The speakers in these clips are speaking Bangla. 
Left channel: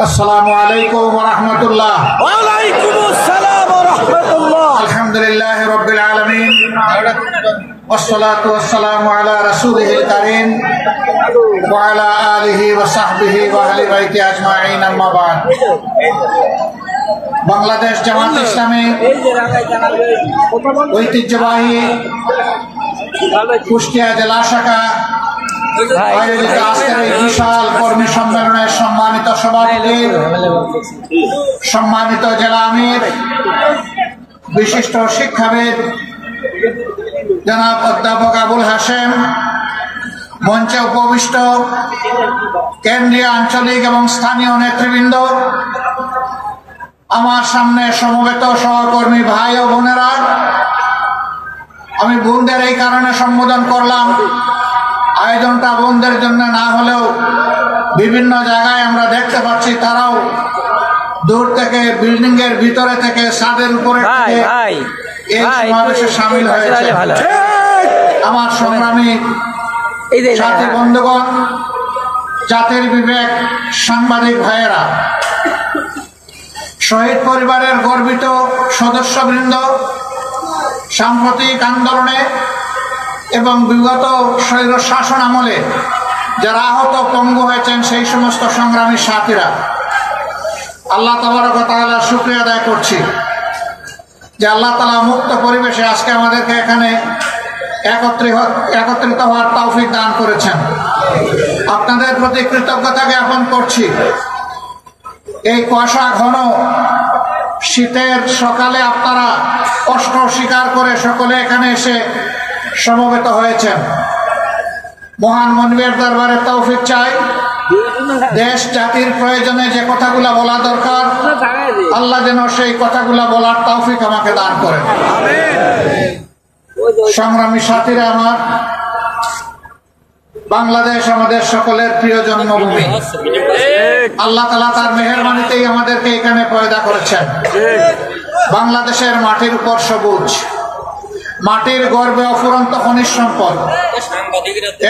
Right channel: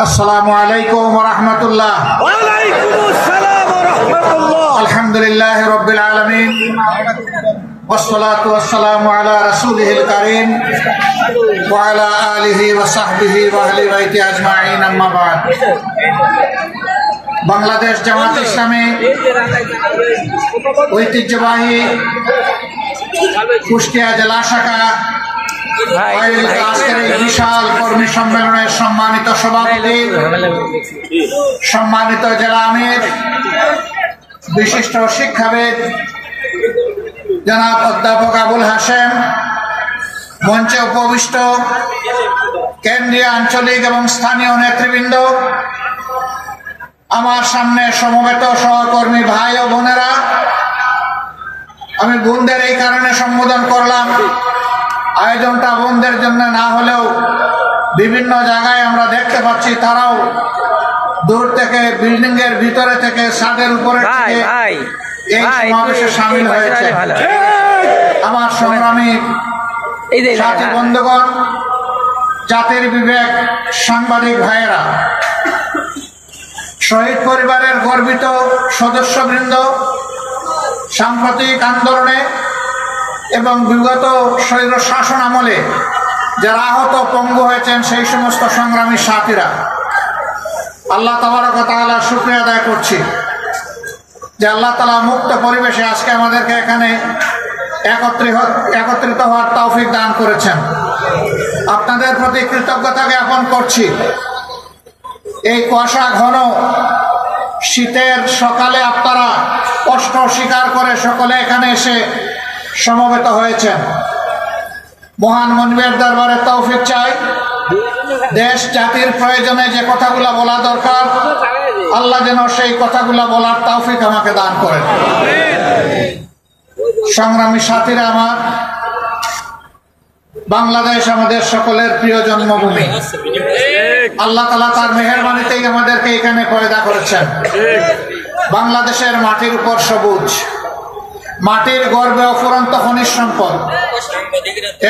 আসসালামু আলাইকুম ওয়া রাহমাতুল্লাহ। ওয়া আলাইকুমুস সালাম ওয়া রাহমাতুল্লাহ। আলহামদুলিল্লাহি রাব্বিল আলামিন ওয়াসসালাতু ওয়াসসালামু আলা রাসূলিহিল কারীম ওয়া আলা আলিহি ওয়া সাহবিহি ওয়া আহলি বাইতি আজমাইন, আম্মা বা'দ। বাংলাদেশ জামাত ইসলামী ঐতিহ্যবাহী কুষ্টিয়া জেলা শাখা আজকের এই বিশাল কর্মী সম্মেলনের সম্মানিত সভাপতি, সম্মানিত জেলা আমির, বিশিষ্ট শিক্ষাবিদ জনাব অধ্যাপক আবুল হাশেম, মঞ্চে উপবিষ্ট কেন্দ্রীয়, আঞ্চলিক এবং স্থানীয় নেতৃবৃন্দ, আমার সামনে সমবেত সহকর্মী ভাই ও বোনেরা, আমি বোনদের এই কারণে সম্বোধন করলাম, আয়োজনটা বোনদের জন্য না হলেও বিভিন্ন জায়গায় আমরা দেখতে পাচ্ছি তারাও দূর থেকে, বিল্ডিং এর ভিতরে থেকে, ছাদের উপরে এই সমাবেশে সামিল হয়েছে। আমার সংগ্রামী সাথী বন্ধুগণ, জাতির বিবেক, সাংবাদিক ভাইয়েরা, শহীদ পরিবারের গর্বিত সদস্যবৃন্দ, সাম্প্রতিক আন্দোলনে এবং বিগত স্বৈর শাসন আমলে যারা আহত পঙ্গু হয়েছেন সেই সমস্ত সংগ্রামী সাথীরা, আল্লাহ তাবারক ওয়া তাআলার শুকরিয়া আদায় করছি যে আল্লাহ তাআলা মুক্ত পরিবেশে আজকে আমাদেরকে এখানে একত্রিত হওয়ার তৌফিক দান করেছেন। আপনাদের প্রতি কৃতজ্ঞতা জ্ঞাপন করছি। এই কুয়াশা ঘন শীতের সকালে আপনারা কষ্ট স্বীকার করে সকলে এখানে এসে সমবেত হয়েছেন। মহান মনিবের দরবারে তৌফিক চাই, দেশ জাতির প্রয়োজনে যে কথাগুলো বলা দরকার আল্লাহ যেন সেই কথাগুলো বলার তৌফিক আমাকে দান করেন। সংগ্রামী সাথীরা আমার, বাংলাদেশ আমাদের সকলের প্রিয় জন্মভূমি। আল্লাহ তাআলা তার মেহেরবানিতেই আমাদেরকে এখানে পয়দা করেছেন। বাংলাদেশের মাটির উপর সবুজ, মাটির গর্বে অফুরন্ত খনিজ সম্পদ।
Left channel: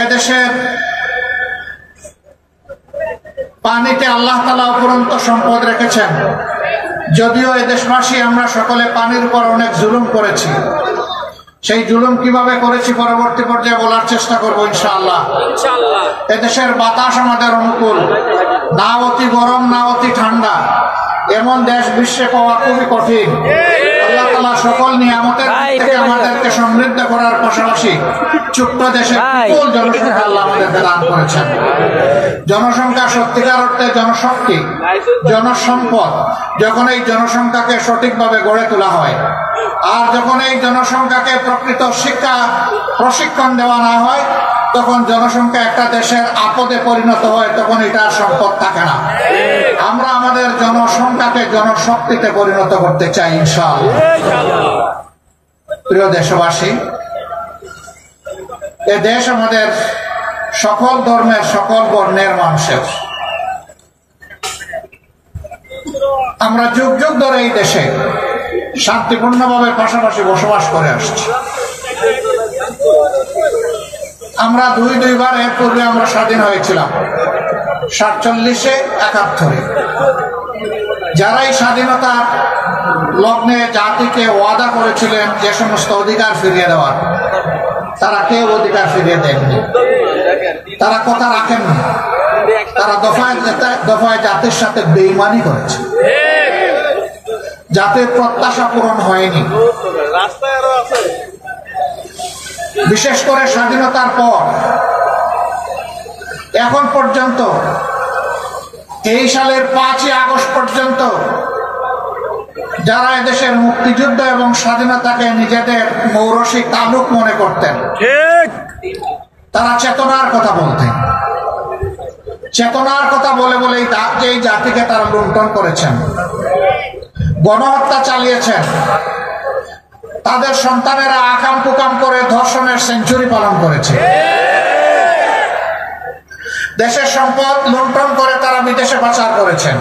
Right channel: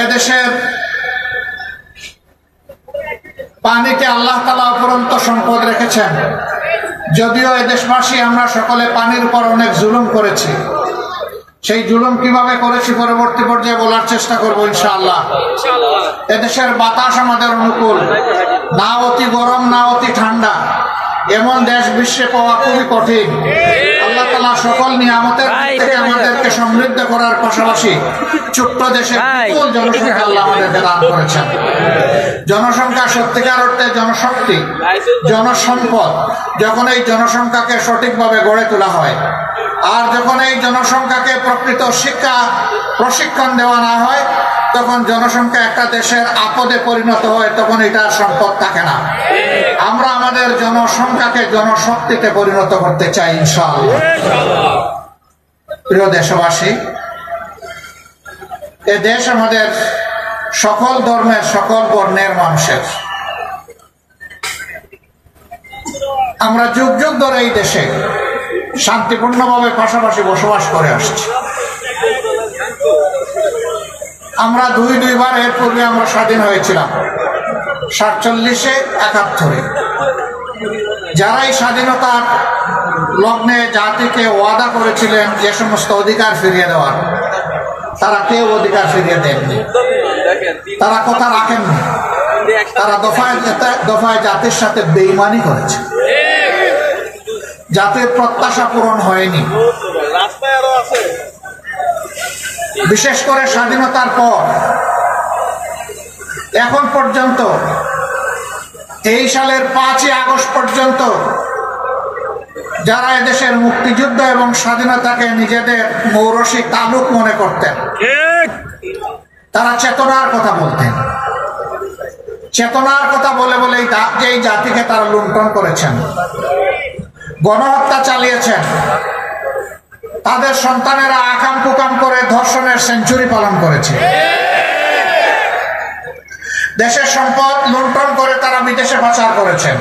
এদেশের পানিতে আল্লাহ তাআলা অফুরন্ত সম্পদ রেখেছেন। যদিও এদেশবাসী আমরা সকলে পানির উপর অনেক জুলুম করেছি, সেই জুলুম কিভাবে করেছি পরবর্তী পর্যায়ে বলার চেষ্টা করবো ইনশাআল্লাহ। এদেশের বাতাস আমাদের অনুকূল, না অতি গরম না অতি ঠান্ডা, এমন দেশ বিশ্বে পাওয়া খুবই কঠিন। আল্লাহ তাআলা সকল নিয়ামতের থেকে আমাদেরকে সমৃদ্ধ করার পাশাপাশি ছোট্ট দেশে বিপুল জনসংখ্যা আল্লাহ আমাদেরকে দান করেছেন। জনসংখ্যা সত্যিকার অর্থে জনশক্তি, জনসম্পদ। যখন এই জনসংখ্যাকে সঠিকভাবে গড়ে তোলা হয় আর যখন এই জনসংখ্যাকে প্রকৃত শিক্ষা প্রশিক্ষণ দেওয়া না হয়, তখন জনসংখ্যা একটা দেশের আপদে পরিণত হয়, তখন এটার সম্পদ থাকে না। আমরা আমাদের জনসংখ্যাকে জনশক্তিতে পরিণত করতে চাই ইনশাআল্লাহ। প্রিয় দেশবাসী, এ দেশ আমাদের সকল ধর্মের, সকল বর্ণের মানুষের। আমরা যুগ যুগ ধরে এই দেশে শান্তিপূর্ণভাবে পাশাপাশি বসবাস করে আসছি। আমরা দুইবার এর পূর্বে আমরা স্বাধীন হয়েছিলাম, 47-এ, 71-এ। যারা এই স্বাধীনতার লগ্নে জাতিকে ওয়াদা করেছিলেন যে সমস্ত অধিকার ফিরিয়ে দেওয়ার, তারা কেউ অধিকার ফিরিয়ে দেননি, তারা কথা রাখেননি। তারা দফায় দফায় জাতির সাথে বেঈমানি করেছে। জাতির প্রত্যাশা পূরণ হয়নি। বিশেষ করে স্বাধীনতার পর এখন পর্যন্ত, 23 সালের 5ই আগস্ট পর্যন্ত যারা এদেশের মুক্তিযুদ্ধ এবং স্বাধীনতাকে নিজেদের মৌরসী তালুক মনে করতেন, তারা চেতনার কথা বলতেন। চেতনার কথা বলে বলে এই জাতিকে তারা লুণ্ঠন করেছেন, গণহত্যা চালিয়েছেন। তাদের সন্তানেরা আকাম কুকাম করে ধর্ষণের সেঞ্চুরি পালন করেছে। দেশের সম্পদ লুণ্ঠন করে তারা বিদেশে পাচার করেছেন।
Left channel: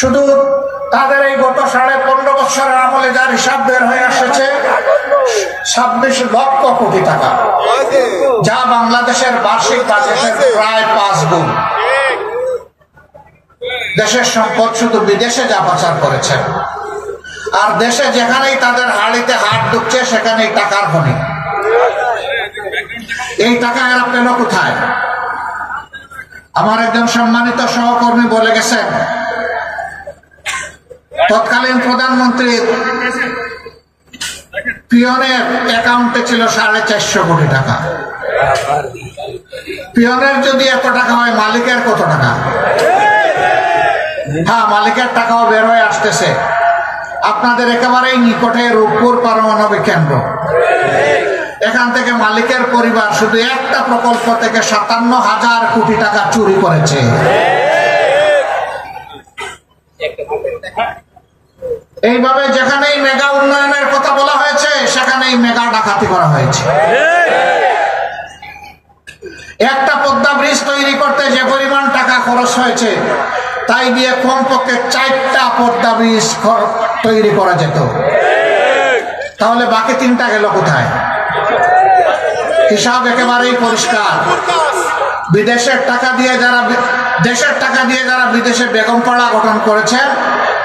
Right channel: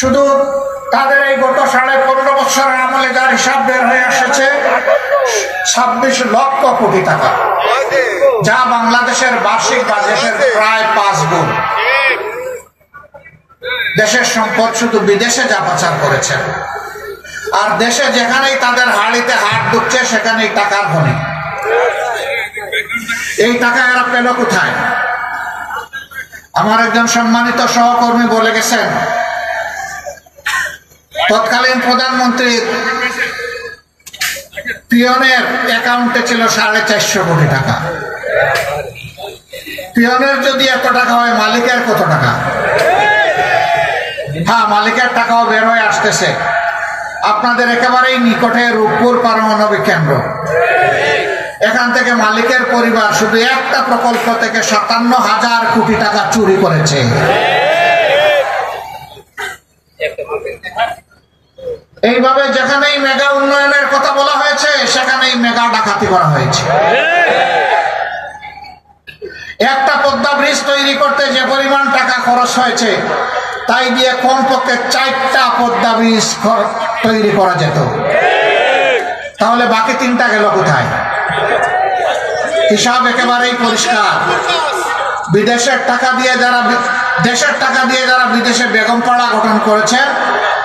শুধু তাদের এই গত 15.5 বছরের আমলে যার হিসাব বের হয়ে আসছে 26 লক্ষ কোটি টাকা, যা বাংলাদেশের বার্ষিক বাজেটের প্রায় 5 গুণ। দেশের সম্পদ শুধু বিদেশে যা পাচার করেছে, আর দেশে যেখানেই তাদের হাড়িতে হাত ঢুকছে সেখানেই টাকার খনি। এই টাকা এরা পেল কোথায়? আমার একজন সম্মানিত সহকর্মী বলে গেছেন, তৎকালীন প্রধানমন্ত্রী পিয়নের অ্যাকাউন্টে ছিল 450 কোটি টাকা। পিয়নের যদি এত টাকা হয়, মালিকের কত টাকা? হ্যাঁ, মালিকের টাকাও বের হয়ে আসতেছে। আপনাদের একেবারেই নিকটে রূপপুর পারমাণবিক কেন্দ্র, এখান থেকে মালিকের পরিবার শুধু একটা প্রকল্প থেকে 57,000 কোটি টাকা চুরি করেছে। এইভাবে যেখানেই মেগা উন্নয়নের কথা বলা হয়েছে সেখানেই মেগা ডাকাতি করা হয়েছে। একটা পদ্মা ব্রিজ তৈরি করতে যে পরিমাণ টাকা খরচ হয়েছে, তাই দিয়ে কমপক্ষে 4টা পদ্মা ব্রিজ তৈরি করা যেত। তাহলে বাকি 3টা গেল কোথায়? হিসাব একেবারেই পরিষ্কার। বিদেশের টাকা দিয়ে যারা, দেশের টাকা দিয়ে যারা বিদেশে বেগম পাড়া গঠন করেছেন,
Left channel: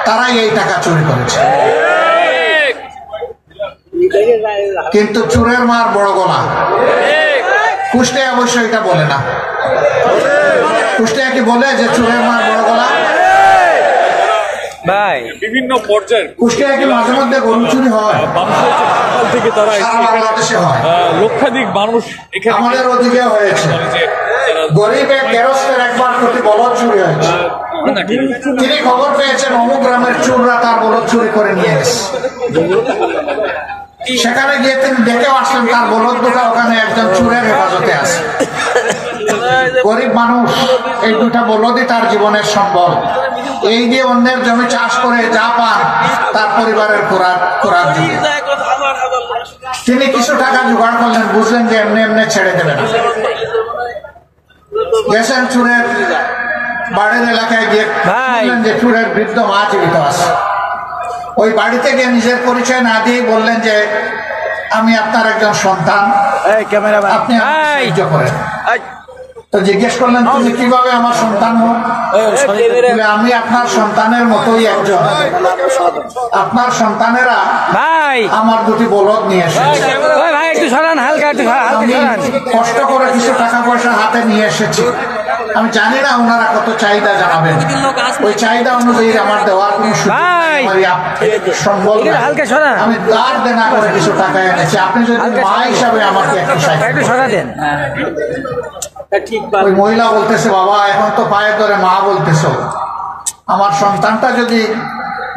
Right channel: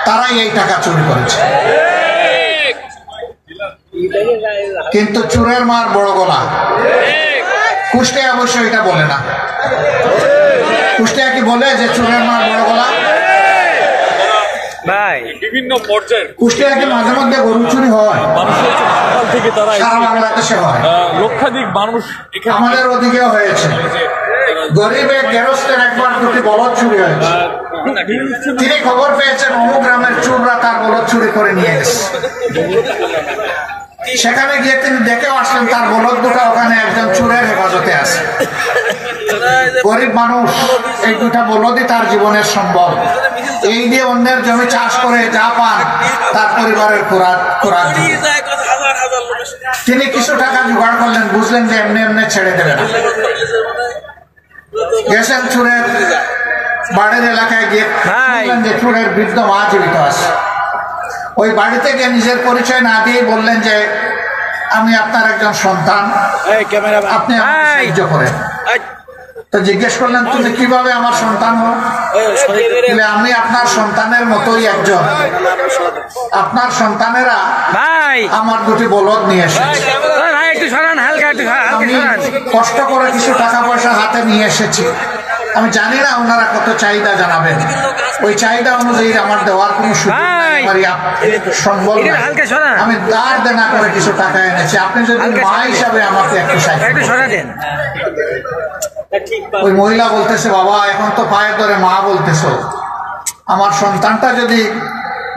তারাই এই টাকা চুরি করেছে। কিন্তু চুরের মার বড় গলা। কুষ্টিয়া অবশ্য এটা বলে না। কুষ্টিয়া কি বলে যে চুরের মার বড় গলা? ভাই বিভিন্ন পর্যায়ে কুষ্টিয়া কি মাঝে মধ্যে গরু চুরি হয়? সকাল থেকে তারা বাংলাদেশে হয়, লক্ষাধিক মানুষ এখানে, আমাদের ওদিকে হয়েছে। গরিবে গেরস্তের একবার দুটি বলদ চুরি হয়েছে। তিনি খবর পেয়েছেন অমুক গ্রামের চুররা তার বলদ চুরি করে নিয়ে গেছে। সেখানে গিয়ে তিনি দেখেও আসলেন তার বলদ দুটা ওখানে একজন চুরের হেফাজতে আছে। গরিব মানুষ, এই দুটা বলদই তার জীবনের সম্বল। এই দিয়ে অন্যের জমি চাষ করে যা পান তার পরিবারের খোরাক দিয়ে তিনি কিছু টাকা জোগাড় করলেন, বুঝলেন যে এমনি এমনি ছেড়ে দেবে না। গেছেন চুরের বাড়ির এলাকায় গিয়ে শুনলেন যে চুরের বৃদ্ধ মা জীবিত আছে। ওই বাড়িতে গিয়ে নিজের পরিচয় না দিয়ে বললেন যে আমি আপনার একজন সন্তান, আপনি সাহায্য করেন। তো জিজ্ঞেস করলেন তুমি কিভাবে আমার সন্তান হো? আমি আপনার সন্তানের মতোই একজন। আপনার সন্তানেরা আমার দুটি বলদ নিয়ে এসেছে, কষ্ট করে কিছু টাকা পয়সা হাতে নিয়ে এসেছি। আমি জানি না ওনারা কত চাহিদা জানাবেন, ওই চাহিদা অনুযায়ী আমার দেওয়ার কোন সম্ভব না। আমি দাঁড় দেনা করে কিছু টাকা এনেছি, আপনি যদি মা হিসাবে আমাকে একটু সাহায্য দেন। ওই মহিলা বলতেছে, বাবা এখন তো পায়ের ধরে মা বলতেছো, আমার সন্তানটা যদি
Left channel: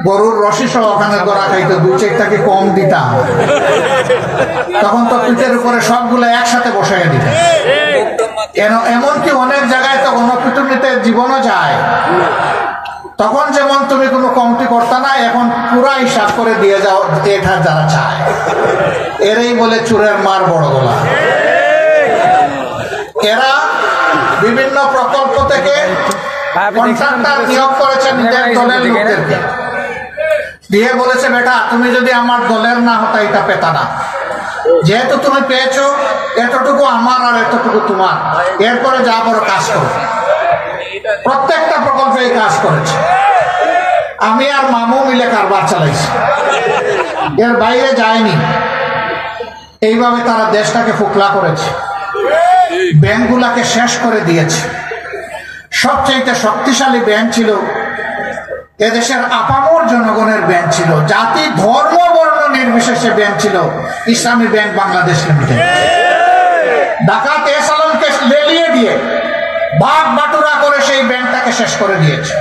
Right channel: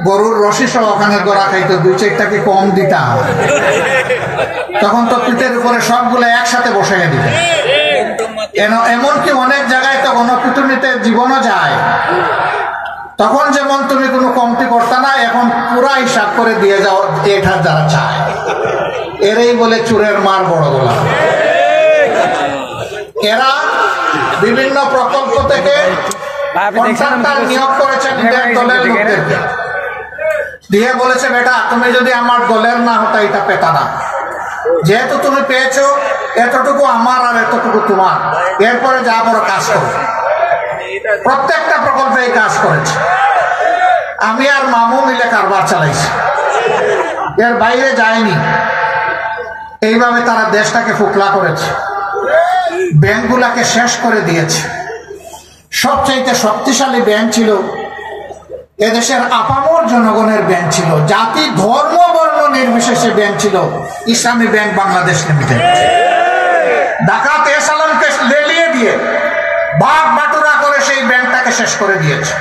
গরুর রশি সহ ওখানে গোড়া খাইতো 2-4টা কি কম দিতাম, তখন তো পিঠের উপরে সবগুলো একসাথে বসে দিত। এমনকি অনেক জায়গায় তো গণপিটুনিতে জীবনও যায়, তখন যেমন তুমি কোনো কমতি করতে না, এখন পুরা হিসাব করে দিয়ে যাও এটা যারা চায়। এরাই বলে চুরের মার বড় গলা। এরা বিভিন্ন প্রকল্প থেকে নিয়োগ করেছেন দিয়ে বলেছে, বেটা তুমি যদি আমার দলের না হতা এটা পেতা না, যেহেতু তুমি পেয়েছো এতটুকু আমার আর এতটুকু তোমার, এরপরে যা করো কাজ করো। প্রত্যেকটা প্রকল্পে এই কাজ করেছে। আমি আর মামু মিলে কারবার চালাইছি, এর বাইরে যায়নি। এইভাবে তারা দেশটাকে ফুকলা করেছে, ব্যাংকগুলাকে শেষ করে দিয়েছে। সবচেয়ে শক্তিশালী ব্যাংক ছিল এদেশের আপামর জনগণের ব্যাংক ছিল, জাতি ধর্ম বর্ণ নির্বিশেষে ব্যাংক ছিল ইসলামী ব্যাংক বাংলাদেশ লিমিটেড। ডাকাত এসালামকে লেলিয়ে দিয়ে ভাগ বাটুরা করে সেই ব্যাংকটাকে শেষ করে দিয়েছে।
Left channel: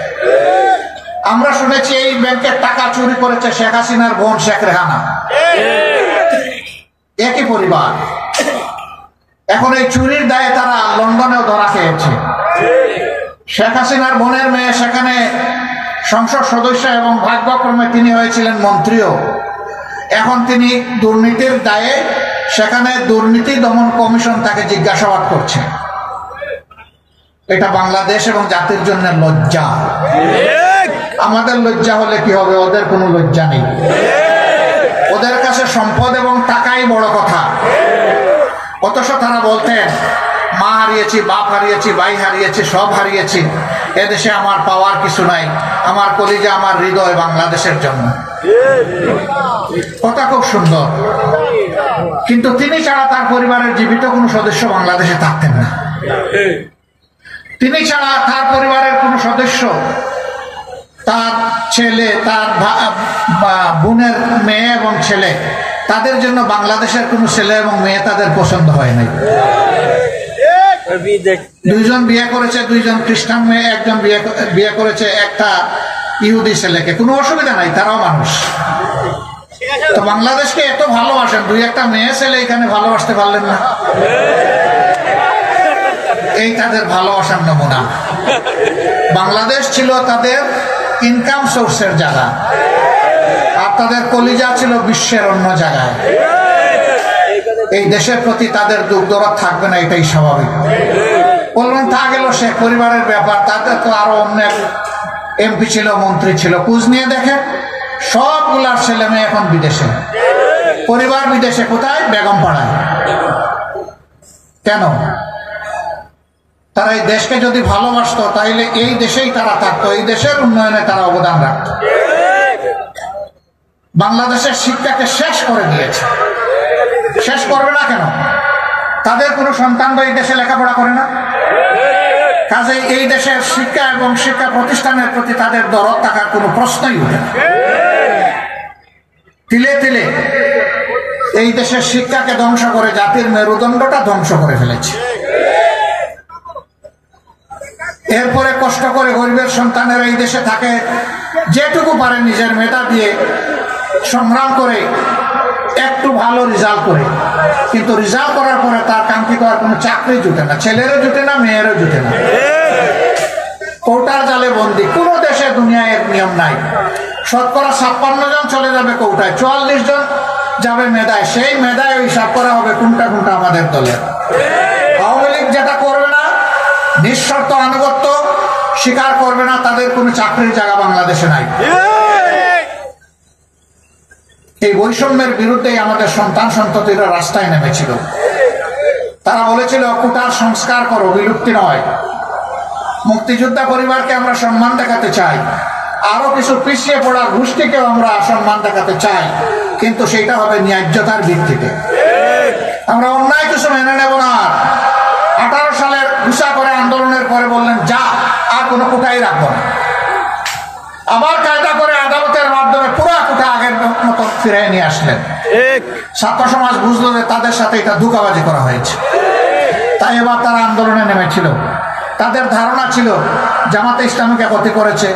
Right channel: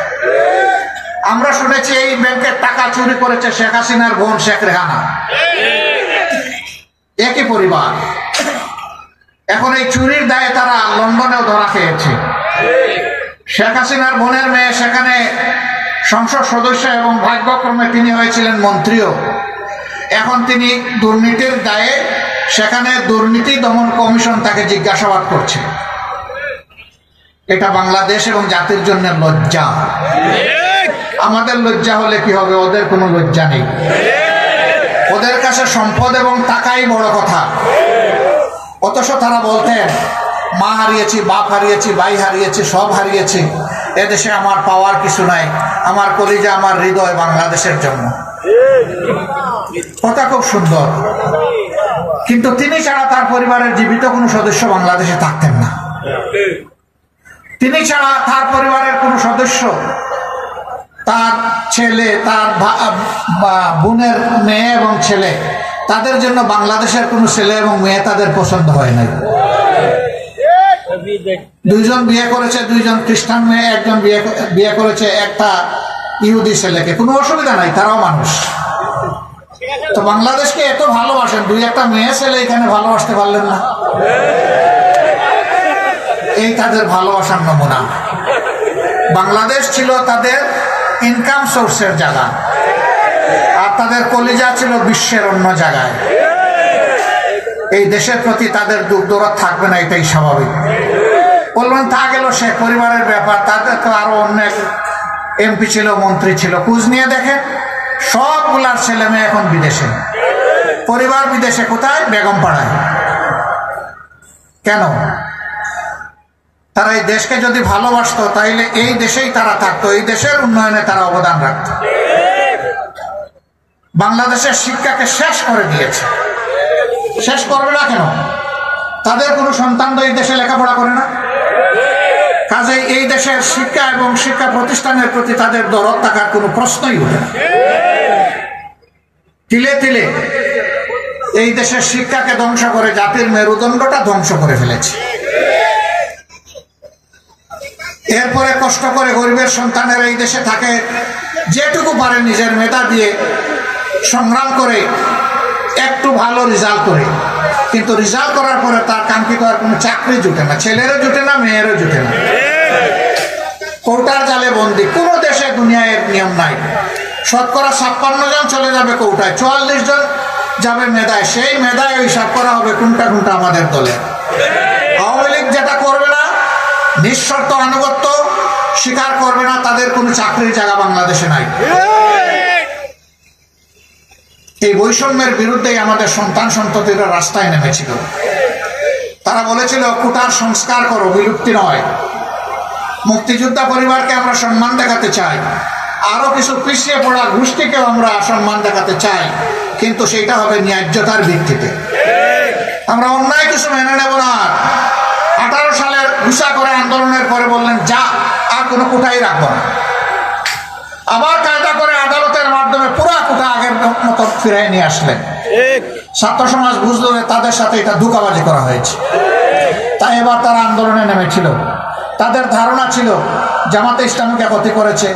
আমরা শুনেছি এই ব্যাংকের টাকা চুরি করেছে শেখ হাসিনার বোন শেখ রেহানা, একই পরিবার। এখন এই চুরির দায়ে তারা লন্ডনেও ধরা খেয়েছে। শেখ হাসিনার বোনের মেয়ে সেখানে সংসদ সদস্য এবং ভাগ্যক্রমে তিনি হয়েছিলেন মন্ত্রীও। এখন তিনি দুর্নীতির দায়ে সেখানে দুর্নীতি দমন কমিশন তাকে জিজ্ঞাসাবাদ করছে। এটা বাংলাদেশ এবং জাতির জন্য লজ্জা। আমাদের লজ্জা হলে কি হবে, ওদের কোনো লজ্জা নেই। ওদের কাছে সম্পদ এবং টাকাই বড় কথা। অথচ তারা বলতেন মা হারিয়েছি, বাপ হারিয়েছি, ভাই হারিয়েছি, সব হারিয়েছি, এদেশে আমার পাওয়ার কিছু নাই, আমার কলিজা আমার হৃদয় বাংলাদেশের জন্য। কথা খুব সুন্দর, কিন্তু তিনি ছাড়া তার পরিবারের জীবিত কোনো সদস্য বাংলাদেশে থাকতেন না। তিনি ছাড়া তার পরিবারের কোনো সদস্য, তার ছেলে, তার বোনের মেয়ে এবং ছেলে, তাদের জন্য বাংলাদেশের কোনো ছেলে এবং মেয়ে তাদের পছন্দ হয় নাই। দুইজন বিয়ে করেছে, দুইজন খ্রিস্টান মেয়ে, একজন বিয়ে করেছে একটা ইহুদি ছেলেকে। কোনো অসুবিধা নাই, তারাও মানুষ। তো বাংলাদেশকে এত ভালোবাসেন, দুই একটা মেয়ে ছেলে এখানে ভালোবাসতে পারলেন না। এই তাদের ভালোবাসার নমুনা। বাংলাদেশ ছিল তাদের ইনকাম সোর্সের জায়গা, আর তাদের কলিজা ছিল বিশ্বের অন্য জায়গায়। এই দেশের প্রতি তাদের দুঃখ দরদ থাকবে না, এটাই স্বাভাবিক। বলবেন তা গেল সে পরিবারের ব্যাপার, তাদের তো আরো অনেক এমপি ছিল, মন্ত্রী ছিল। খোঁজ নিয়ে দেখে সবগুলার ছেলে মেয়ে এখন বিদেশে, পরিবার বিদেশে। কোথায়? বেগম পাড়ায়। কেন? তারা এই দেশকে যদি ভালোবাসতো তাহলে এই দেশেই তারা থাকতো, এই দেশের উন্নয়নে তারা অবদান রাখত। বাংলাদেশের শিক্ষাকে শেষ করে দিয়েছে। শেষ করবে না কেন? তাদের কোনো সন্তান তো এই দেশে লেখাপড়া করে না। কাজেই এই দেশের শিক্ষা এবং শিক্ষা প্রতিষ্ঠানের প্রতি তাদের দরদ থাকার কোনো প্রশ্নই ওঠে না। তিলে তিলে এই দেশের শিক্ষাকে ধ্বংস করে জাতির মেরুদণ্ডটা ধ্বংস করে ফেলেছে। এরপরে কষ্ট করে গরিবের সন্তানের এই দেশে থাকে, যেটুকু পারে নিজের মেধা দিয়ে সংগ্রাম করে একটু ভালো রেজাল্ট করে, কিন্তু রেজাল্ট করার পরে তার কাঙ্ক্ষিত আর কোনো চাকরি জুটে না, ছেলেরও জুটে না, মেয়েরও জুটে না। কৌটার জালে বন্দি। কোন দেশে দুনিয়ায় এক নিয়ম নাই। শতকরা 56 জন চলে যাবে কৌটায়, 44 জন যাবে মেধায়। সেই মেধায় হিসাব করা হবে কোনটা কোনটা আমাদের দলে। আওয়ামী লীগ যেটা করবে না, নিঃশর্ত আনুগত্য স্বীকার করবে না, তাদের কোনো চাকরির জায়গা বাংলাদেশে নাই। এই বৈষম্যের বিরুদ্ধেই আমাদের সন্তান সন্ততিরা রাস্তায় নেমেছিল। তারা বলেছিল কোটার সংস্কার করো, বিলুপ্তি নয়। মুক্তিযোদ্ধা পরিবারকে আমরা সম্মান দেখাতে চাই, আরো কিছু পিছিয়ে পড়া গোষ্ঠীকেও আমরা সম্মান দেখাতে চাই, কিন্তু সেটা হবে ন্যায্যতার ভিত্তিতে। আমরা অন্যায় কিছু মেনে নেব না। 18 সালের ঘুষা করে আন্দোলনের পরে বললেন যা, আর কোনো কোটাই রাখবো না। আবার কায়দা করে আদালতের মাধ্যমে পুরা কোটা আগের মতো ফিরে নিয়ে আসলেন। ছাত্র সমাজ বুঝলো যে তাদের সাথে এটা ধোঁকাবাজি করা হয়েছে, তাই এবার তারা আন্দোলনে নেমেছিল। তাদের ধারণা ছিল জামাতে ইসলামীকে ক্ষতি করেছে,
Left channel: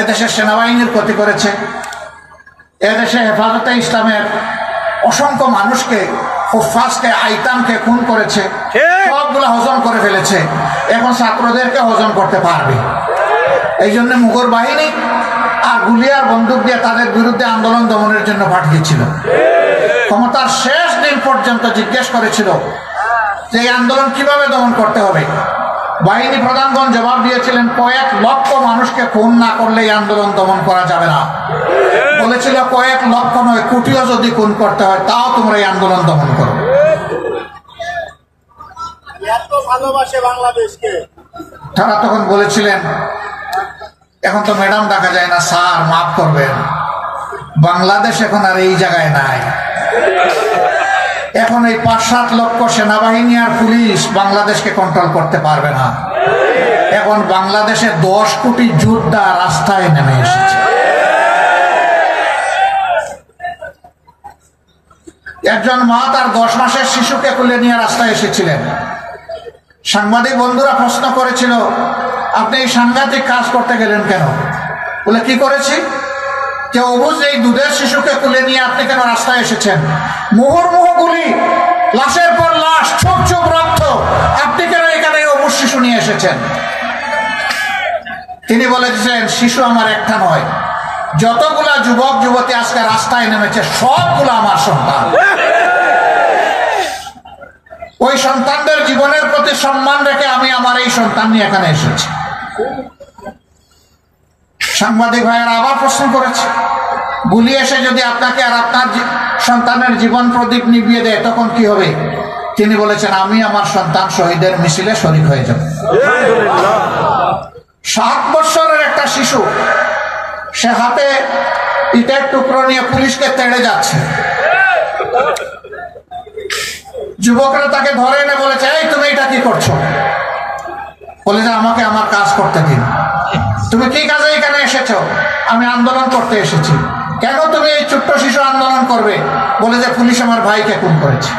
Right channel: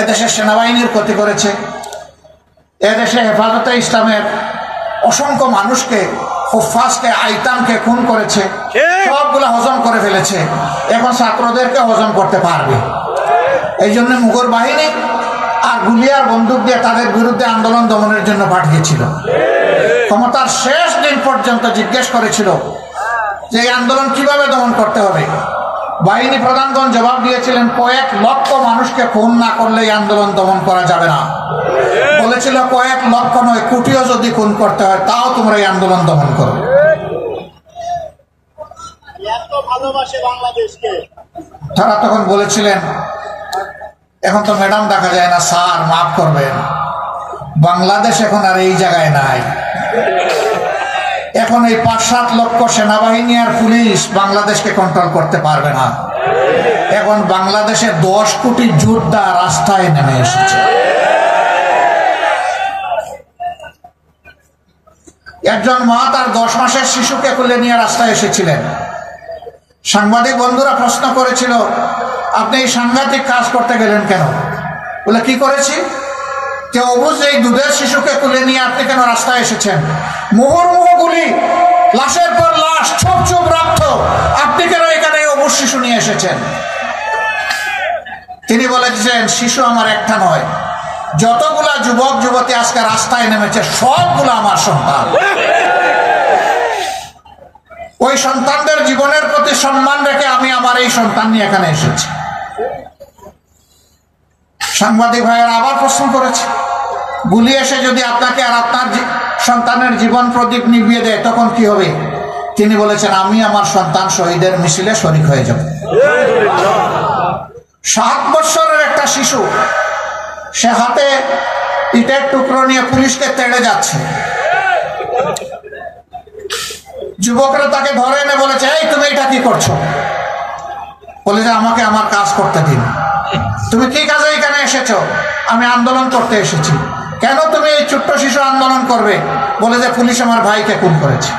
এদেশের সেনাবাহিনীর ক্ষতি করেছে, এদেশে হেফাজতে ইসলামের অসংখ্য মানুষকে, হুফাজকে, আইতামকে খুন করেছে, সবগুলো হজম করে ফেলেছে। এখন ছাত্রদেরকে হজম করতে পারবে। এই জন্য মুঘল বাহিনী আর গুলিয়ার বন্দুক দিয়ে তাদের বিরুদ্ধে আন্দোলন দমনের জন্য পাঠিয়েছিল। ক্ষমতার শেষ দিন পর্যন্ত জিজ্ঞেস করেছিল যে এই আন্দোলন কিভাবে দমন করতে হবে। বাহিনী প্রধানগণ জবাব দিয়েছিলেন কয়েক লক্ষ মানুষকে খুন না করলে এই আন্দোলন দমন করা যাবে না। বলেছিল কয়েক লক্ষ নয়, কোটিও যদি খুন করতে হয় তাও তোমরা এই আন্দোলন দমন করো। তারা তখন বলেছিলেন এখন তো ম্যাডাম ডাকা যায় না, স্যার মাফ করবেন, বাংলাদেশ এখন আর এই জায়গায় নাই। এখন এই 5-7 লক্ষ সেনাবাহিনী আর পুলিশ বাংলাদেশকে কন্ট্রোল করতে পারবে না। এখন বাংলাদেশে 10 কোটি যোদ্ধা রাস্তায় নেমে এসেছে। একজন মা তার 10 মাসের শিশুকে কোলে নিয়ে রাস্তায় এসেছিলেন। সাংবাদিক বন্ধুরা প্রশ্ন করেছিল আপনি এই সাংঘাতিক কাজ করতে গেলেন কেন? বলে কি করেছি? যে অবুঝ এই দুধের শিশুকে কোলে নিয়ে আপনি কেন রাস্তায় এসেছেন? মুহুর্মুহু গুলি, লাশের পর লাশ, ছোপ ছোপ রক্ত, আপনি কেন এখানে অবুঝ শিশু নিয়ে এসেছেন? তিনি বলেছেন শিশু আমার একটা নয়, যতগুলা যুবক যুবতী আজকে রাস্তায় নেমেছে সবগুলো আমার সন্তান। ওই সন্তানদের জীবনের প্রতি সম্মান রেখে আমি আমার এই সন্তান নিয়ে এখানে এসেছি। সাংবাদিক ভাইয়েরা আবার প্রশ্ন করেছে গুলি এসে যদি আপনাকে আর আপনার সন্তানের জীবন প্রদীপ নিভিয়ে দেয় তখন কি হবে? তিনি বলেছেন আমি আমার সন্তান শহীদের মিছিলে শরীক হয়ে যাব। 7 বছরের একটা শিশু, সে হাতে ইটের টুকরো নিয়ে পুলিশকে তেড়ে যাচ্ছে। যুবকরা তাকে ধরে এনে বলেছে, এই তুমি এটা কি করছো? বলে যে আমাকে আমার কাজ করতে দিন। তুমি কি কাজে এখানে এসেছো? আমি আন্দোলন করতে এসেছি। কেন তুমি এই ছোট্ট শিশু আন্দোলন করবে? বলে যে পুলিশ আমার ভাইকে খুন করেছে।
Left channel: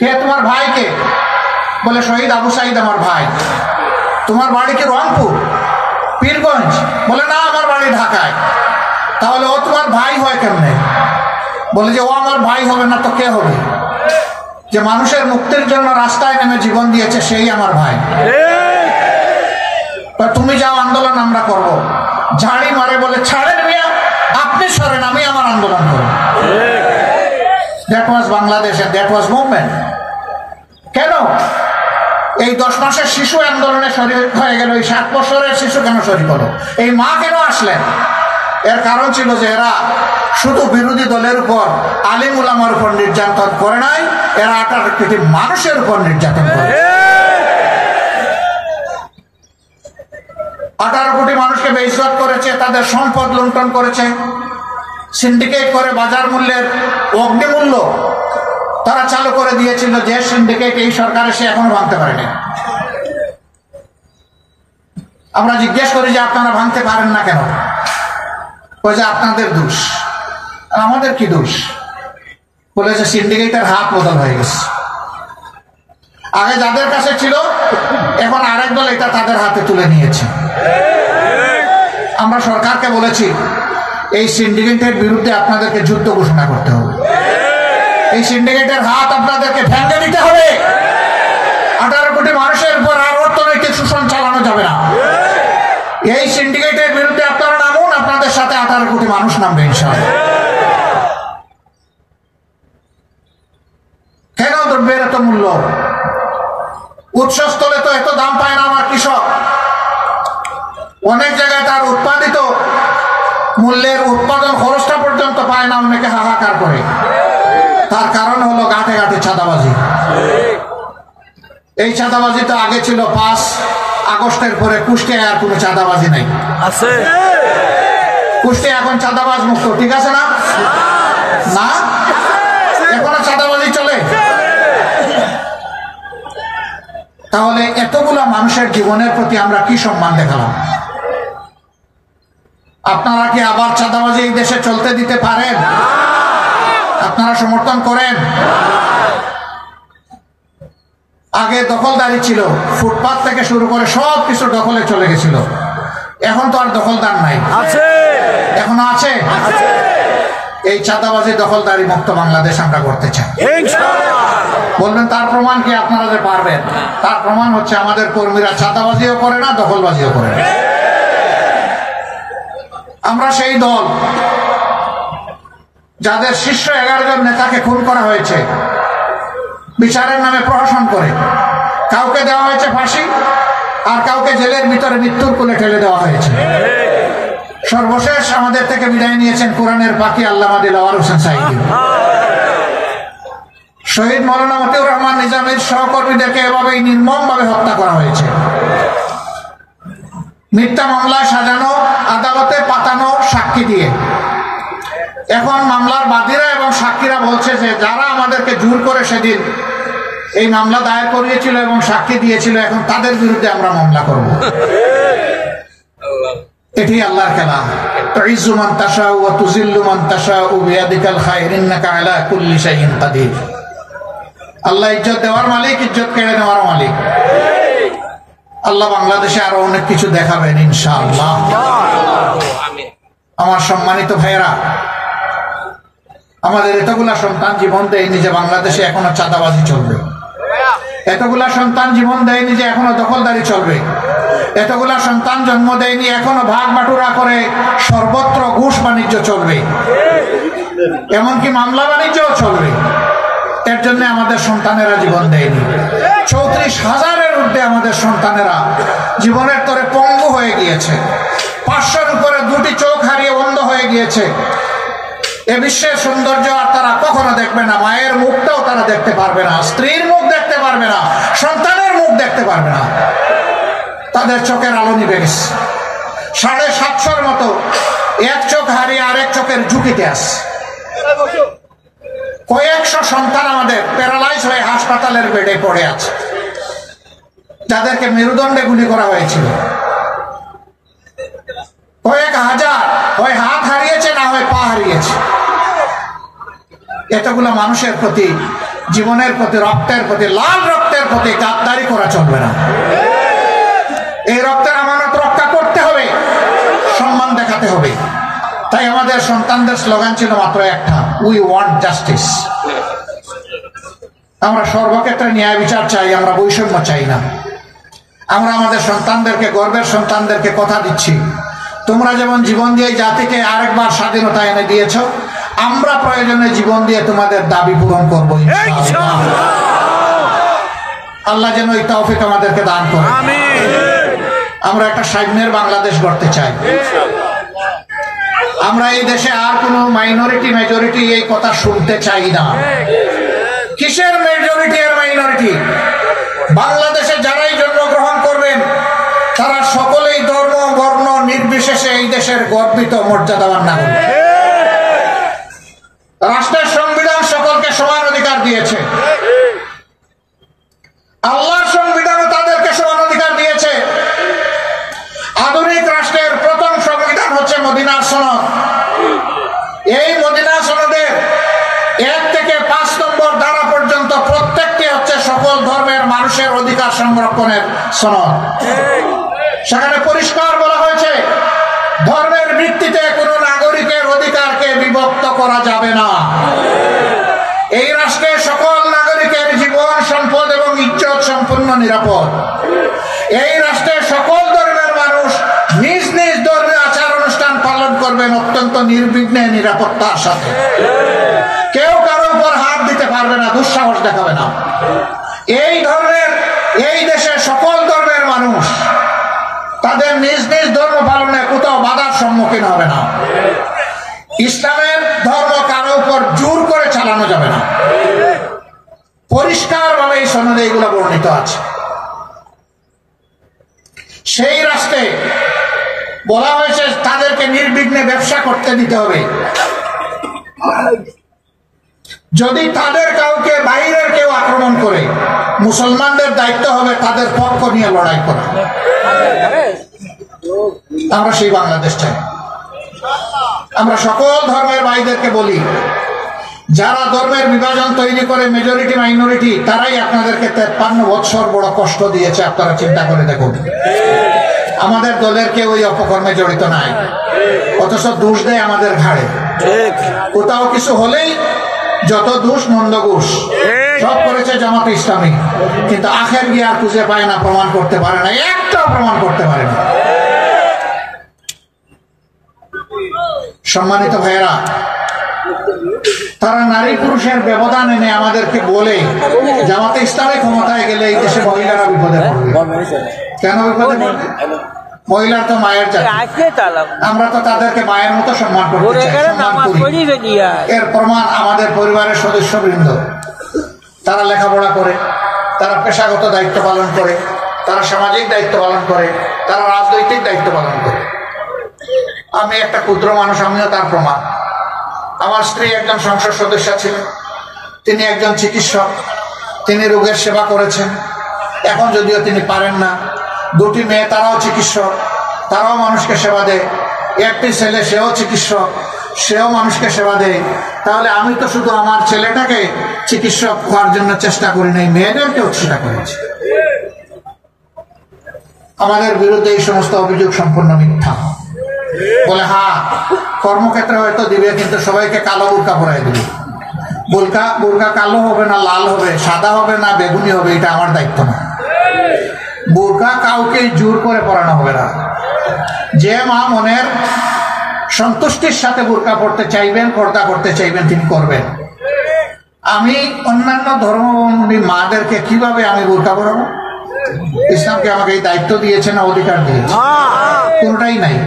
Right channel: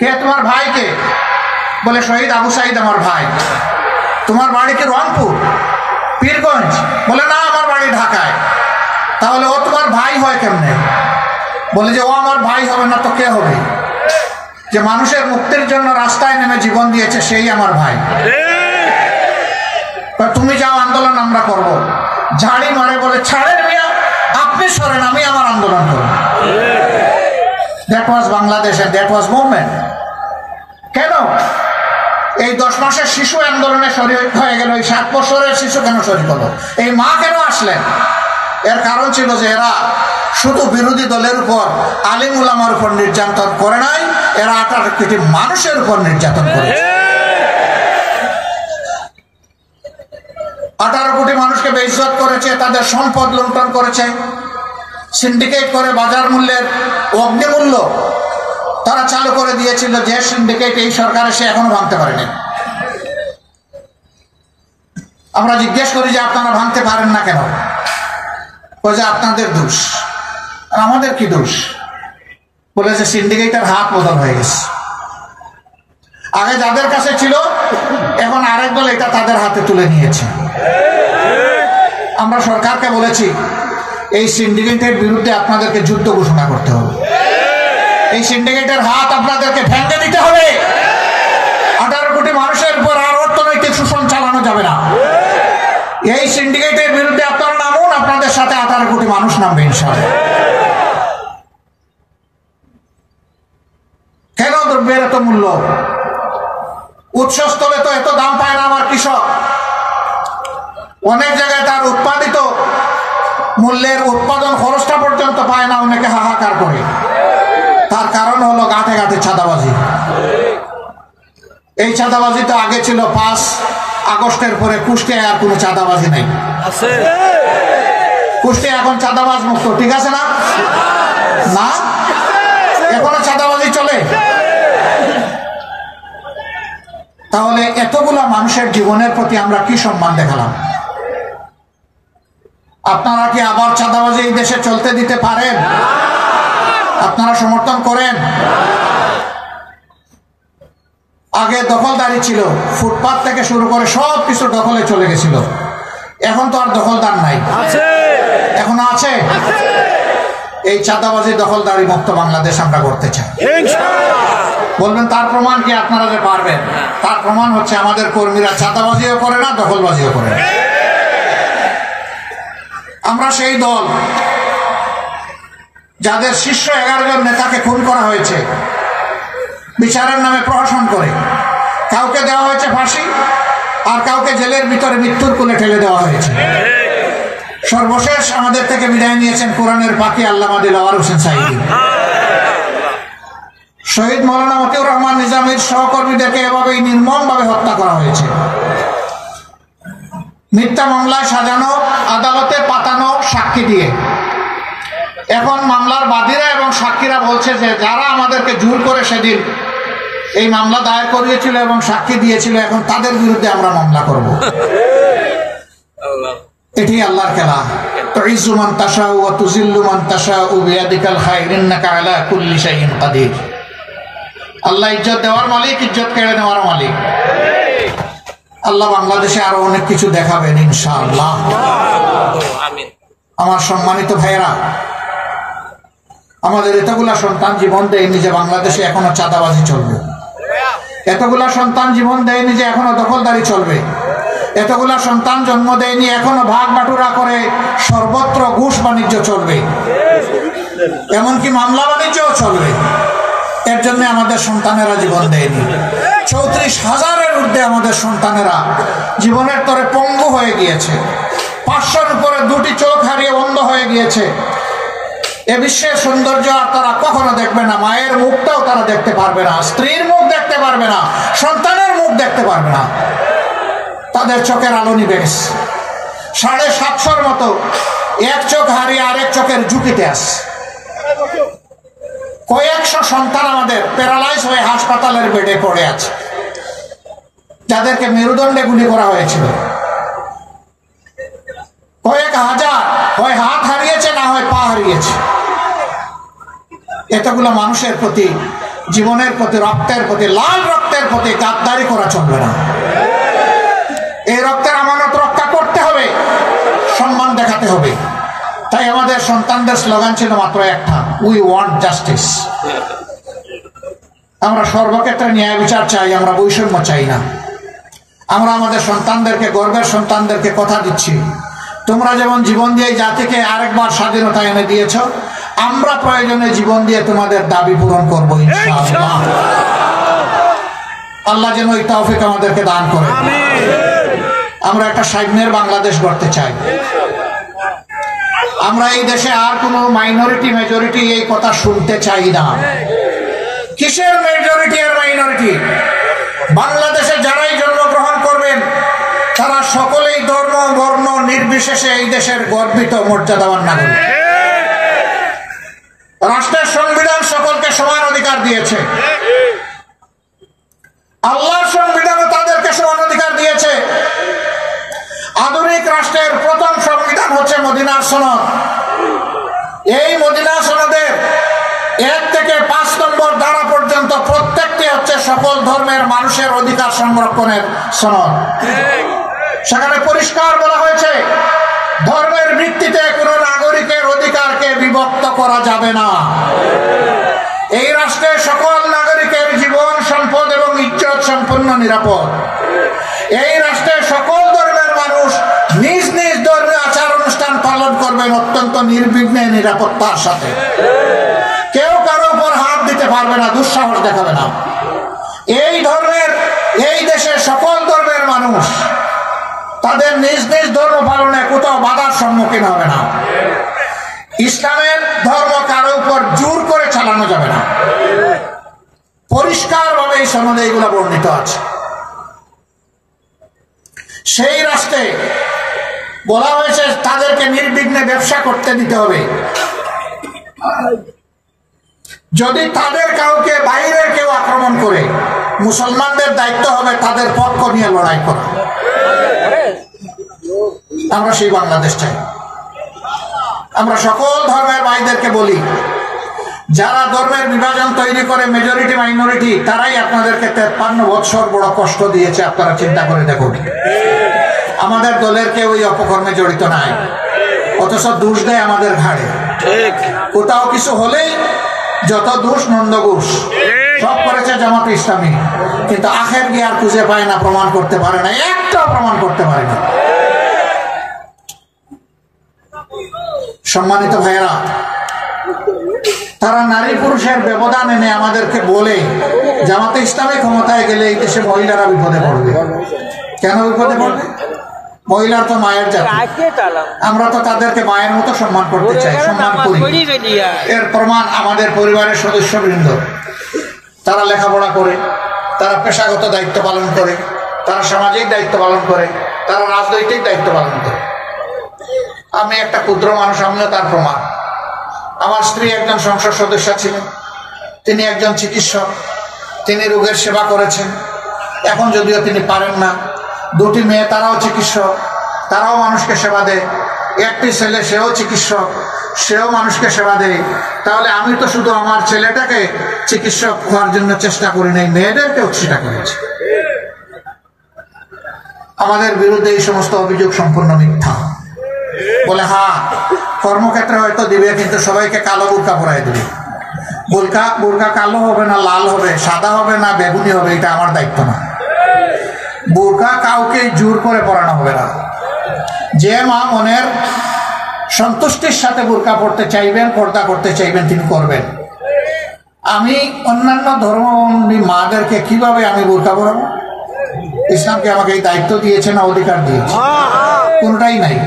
কে তোমার ভাইকে? বলে শহীদ আবু সাইদ আমার ভাই। তোমার বাড়ি কি রংপুর, পীরগঞ্জ? বলে না, আমার বাড়ি ঢাকায়। তাহলে ও তোমার ভাই হয় কেমনে? বলে যে ও আমার ভাই হবে না তো কে হবে? যে মানুষের মুক্তির জন্য রাস্তায় নেমে জীবন দিয়েছে সেই আমার ভাই। তুমি যাও, আন্দোলন আমরা করব। ঝাড়ি মারে, বলে ছাড়েন মিয়া, আপনি সরেন, আমি আমার আন্দোলন করব। That was Bangladesh, that was movement. কেন এই 10 মাসের শিশু আন্দোলনে শরীর হয়ে গেল? এই 7 বছরের শিশু কেন শরীর হলো? এই মা কেন আসলেন? এর কারণ ছিল যে এরা শুধু বিরোধী দলের উপর, আলিম উলামার উপর নির্যাতন করে নাই, এরা 18 কোটি মানুষের উপর নির্যাতন করেছে। 18 কোটি মানুষকে বেইজ্জত করেছে, তাদের সম্পদ লুণ্ঠন করেছে, সিন্ডিকেট করে বাজার মূল্যের অগ্নিমূল্য তারা চালু করে দিয়েছিল, যে সিন্ডিকেট এই সরকার এসে এখনো ভাঙতে পারেনি। আমরা জিজ্ঞেস করি যে আপনারা ভাঙতে পারেন না কেন? বলে যে আপনাদের দোষ। আমাদের কি দোষ? বলে যে সিন্ডিকেটের হাত বদল হয়ে গেছে। আগে যাদের কাছে ছিল, এখন আরেক দল এটা তাদের হাতে তুলে নিয়েছে। আমরা সরকারকে বলেছি এই সিন্ডিকেটের বিরুদ্ধে আপনাদেরকে যুদ্ধ ঘোষণা করতে হবে। এই সিন্ডিকেটের হাত আপনাদেরকে ভেঙে দিতে হবে। 18 কোটি মানুষের উপর আর অর্থনৈতিক শোষণ চালানো যাবে না। এই সিন্ডিকেটের বিরুদ্ধে আপনারা নামুন, আপনাদের সাথে 18 কোটি মানুষ নামবে ইনশাআল্লাহ। কেন দ্রব্যের এত মূল্য? উৎসস্থলে তো এত দাম পায় না আমার কৃষক। অনেক জায়গায় তার উৎপাদিত মূল্যের উৎপাদন খরচটা পর্যন্ত পায় না, অনেকে হাহাকার করে। তার কারণ হলো গাঁটে গাঁটে চাঁদাবাজি। এই চাঁদাবাজি তো আগে ছিল, 5 আগস্টের পরে কুষ্টিয়ায় আর কোনো চাঁদাবাজি নাই। কুষ্টিয়া এখন চাঁদাবাজ মুক্ত, ঠিক আছে না? না, এখনো চাঁদাবাজি চলে। তাহলে এতগুলো মানুষের জীবনের প্রতি আমরা কি সম্মান দেখালাম? আপনারা কি আবার চাঁদাবাজি এই দেশে চলতে দিতে পারেন? আপনারা সমর্থন করেন? আগে দখলদারি ছিল, ফুটপাত থেকে শুরু করে সব কিছু দখলে চলে গেছিল। এখন তো আর দখলদার নাই, এখনো আছে। এই চাঁদাবাজি দখলদারি মুক্ত বাংলাদেশ আমরা করতে চাই। বলবেন তার প্রমাণ কি? আপনারা যে পারবেন, তার প্রমাণ হচ্ছে আমাদের কর্মীরা চাঁদাবাজিও করে না, দখলবাজিও করে না। আমরা সেই দল যাদের শীর্ষ 11 জন নেতাকে খুন করা হয়েছে বিচারের নামে প্রহসন করে। কাউকে দেওয়া হয়েছে ফাঁসি, আর কাউকে জেলের ভিতরে মৃত্যুর কোলে ঠেলে দেওয়া হয়েছে। সর্বশেষ আমাদের থেকে বিদায় নিয়েছেন কোরআনের পাখি আল্লামা দিলওয়ার হোসেন সাঈদী। শহীদ মৌলানা মতিউর রহমান নিজামীর সহকর্মীদেরকে এভাবেই নির্মমভাবে হত্যা করা হয়েছে। মিথ্যা মামলায় সাজানো, আদালতে পাতানো সাক্ষী দিয়ে। এখন মামলার বাদীরা এবং সাক্ষীরা বলছে যে যারা আমাদেরকে জোর করে সেদিন এই মামলা দায়ের করিয়েছিল এবং সাক্ষী দিয়েছিল, এখন তাদের বিরুদ্ধে আমরা মামলা করব। এটি আল্লাহর খেলা। তুইজ্জু মান তাশাউ ওয়া তুযিল্লু মান তাশাউ বিয়াদিকাল খায়র ইন্নাকা আলা কুল্লি শাইইন কাদির। আল্লাহ ইজ্জত দেওয়ার মালিক, ইজ্জত কেড়ে নেওয়ার মালিক। আল্লাহ বাংলাদেশে আরো অনেক কিছু দেখাবেন ইনশাআল্লাহ। আমার সম্মানিত ভাইয়েরা, আমাদের এতগুলা সন্তান জীবন দেয়নি যে বাংলাদেশে এখনো চাঁদাবাজি চলবে। এতগুলা সন্তান জীবন দেয়নি যে এখনো দখলদারি চলবে। এতগুলা সন্তান জন্ম দেয়নি এখনো ভাগ বাটুরা করে সর্বত্র ঘুষ বাণিজ্য চলবে, এমনকি মামলা বাণিজ্যও চলবে। এর জন্য আমাদের সন্তানেরা জীবন দেয়নি। 34,000-এর ঊর্ধ্বে আমাদের সন্তানেরা জীবনের তরে পঙ্গু হয়ে গিয়েছে। 500-র উপরে 2টি চোখ হারিয়ে অন্ধ হয়ে গিয়েছে। এ বিশ্বের সৌন্দর্য আর তারা কখনো দেখবে না। মায়ের মুখটাও তারা দেখতে পারবে না, স্ত্রীর মুখ দেখতে পারবে না, সন্তানের মুখ দেখতে পারবে না। তাদের চোখের আলো নিভে গেছে। 750 মতো এক চোখ হারিয়ে আরেক চোখের ঝুঁকিতে আছে। কয়েকশো সন্তান আমাদের প্যারালাইজ হয়ে হাসপাতালের বেডে পড়ে আছে, যাদেরকে মেরুদণ্ডে গুলি করা হয়েছিল। কয়েক হাজার হয় হাত হারিয়েছে, না হয় পা হারিয়েছে। এতগুলো মানুষের প্রতি, জীবনের প্রতি, রক্তের প্রতি, লাল রক্তের প্রতি গাদ্দারি করা চলবে না। এই রক্তের আমানত রক্ষা করতে হবে, সম্মান দেখাতে হবে। তাই আমাদের সন্তানদের স্লোগান ছিল মাত্র একটা, উই ওয়ান্ট জাস্টিস। আমরা সর্বক্ষেত্রে ন্যায় বিচার চাই, আমরা বৈষম্য চাই না। আমরা আমাদের সন্তানদেরকে, গর্বের সন্তানদেরকে কথা দিচ্ছি, তোমরা যেমন জীবন দিয়ে জাতিকে আরেকবার স্বাধীনতা এনে দিয়েছ, আমরা প্রয়োজনে জীবন দিয়ে তোমাদের দাবি পূরণ করবো ইনশাআল্লাহ। আল্লাহ যেন এই তৌফিক আমাদেরকে দান করে। আমরা একটা সাম্যের বাংলাদেশ গড়তে চাই। আমরা এই দেশে আর কোনো মাইনরিটি মেজরিটি এই কথা শুনতে চাই না। কিসের মেজরিটি আর মাইনরিটি? বাংলাদেশে যারাই জন্মগ্রহণ করবেন তারা সকলেই ধর্ম বর্ণ নির্বিশেষে এই দেশের গর্বিত মর্যাদাবান নাগরিক। রাষ্ট্রের সংবিধান সকলকে সমান অধিকার দিয়েছে। আল্লাহর সংবিধানও তাদেরকে সমান অধিকার দিয়েছে। আধুনিক রাষ্ট্রের প্রথম সংবিধান হচ্ছে মদিনার সনদ। এই মদিনা সনদের 1 থেকে 5 নম্বর ধারা পর্যন্ত প্রত্যেকটি হচ্ছে সকল ধর্মের মানুষের অধিকার সংরক্ষণের সনদ। সেখানে পরিষ্কার বলা হয়েছে, ধর্মের ভিত্তিতে কোন নাগরিকের অধিকারকে বিভক্ত করা যাবে না। এই রাষ্ট্রে সকল নাগরিকের জীবন, সম্পদ এবং ইজ্জত সম্পূর্ণ নিরাপদ। এই রাষ্ট্রের সকল ধর্মের মানুষ নিজ নিজ ধর্মীয় আচার অনুষ্ঠান পালন করবেন অত্যন্ত নির্বিঘ্নে, নিরাপত্তার সাথে। কেউ কারো উপর হাত দিতে পারবে না, দুঃসাহস দেখাবে না। এই দেশের সকল ধর্মের মানুষ তাদের নিজ নিজ ধর্ম পালনে কোথাও বাধার সম্মুখীন হবে না। ইসলামের ধর্ম কারো উপর জোর করে চালানো যাবে না। পরিষ্কার ভাবে এই সনদে এগুলো বর্ণিত আছে। সেই রাষ্ট্রে বলা হয়েছে তাদেরকে নির্বিঘ্নে ব্যবসা করতে দিতে হবে। যদি তাদের কাউকে বাইরের কেউ আক্রমণ করে, মুসলমানদের দায়িত্ব হবে তাদের পক্ষ নিয়ে লড়াই করা। আমরা সেই বাংলাদেশ চাই। আমরা সকল ধর্মের ভাইদেরকে বলি, যারা ধর্মের বিভাজন তৈরি করে মেজরিটি মাইনরিটি, তারাই আপনাদেরকে 53 বছর বড় কষ্ট দিয়েছে। আপনারা চিন্তা করে দেখুন, আমাদের দলের কেউ ওই অপকর্মে জড়িত নাই, অথচ দোষ দেয় আমাদের ঘাড়ে। কোথাও কিছু হলেই যত দোষ নন্দ ঘোষ, সব করেছে জামাতে ইসলামী, কিন্তু আখের গিয়ে আর খুঁজে পায় না, প্রমাণ করতে পারে না, একটা প্রমাণ করতে পারে না। সম্মানিত ভাইয়েরা, তারা নারী পুরুষের ব্যবধান এনে আমাদেরকে বলে জামাতে ইসলামী ক্ষমতায় গেলে এই দেশে মহিলারা বিপদে পড়বে। কেন বিপদে পড়বে? মহিলার তো মায়ের জাতি, আমরা তো তাদেরকে মায়ের মতো সম্মান করতে চাই, সম্মান করি। এর প্রমাণ আমাদের পরিবারের সদস্যবৃন্দ, তারা লেখাপড়া করে, তারা পেশাগত দায়িত্ব পালন করে, তারা সামাজিক দায়িত্ব পালন করে, তারা রাজনৈতিক দায়িত্ব পালন করে। আমি একটা ক্ষুদ্র মানুষ, আমিও তার প্রমাণ। আমার স্ত্রী একজন সংসদ সদস্য ছিলেন, তিনি একজন চিকিৎসক, তিনি রোগের সেবা করেছেন। এখন যদিও তিনি পারেন না, 2টি মেয়ে তারাও চিকিৎসক, তারাও মানুষকে সেবা দেয়। একটি ছেলে, সেও চিকিৎসক, সেও মানুষকে সেবা দেয়। তাহলে আমি তো শুধু আমার ছেলেটাকে চিকিৎসক হওয়ার জন্য চেষ্টা করি নাই, মেয়েদেরকেও চেষ্টা করেছি। আমাদের বিরুদ্ধে এই সমস্ত অভিযোগ সম্পূর্ণ মিথ্যা। বলে হ্যাঁ, কর্মক্ষেত্রে হয়তো দিবে, কিন্তু সবাইকে কালো বোরকা পরাই দেবে। বোরকা কালো হবে না লাল হবে, সাদা হবে না বেগুনি হবে, এটা আমার দায়িত্ব না। বোরকা কাউকে জোর করে পরানো হবে না। যে মা মনের সন্তুষ্টির সাথে বোরকা পড়তে চাইবেন, পর্দা করতে চাইবেন, তিনি করবেন। আমি অন্যান্য ধর্মাবলম্বী মাদেরকে কিভাবে আমি বোরকা পরাবো? ইসলামকে আমাকে এই দায়িত্ব দিয়েছে না অধিকার দিয়েছে? কোনটাই নাই।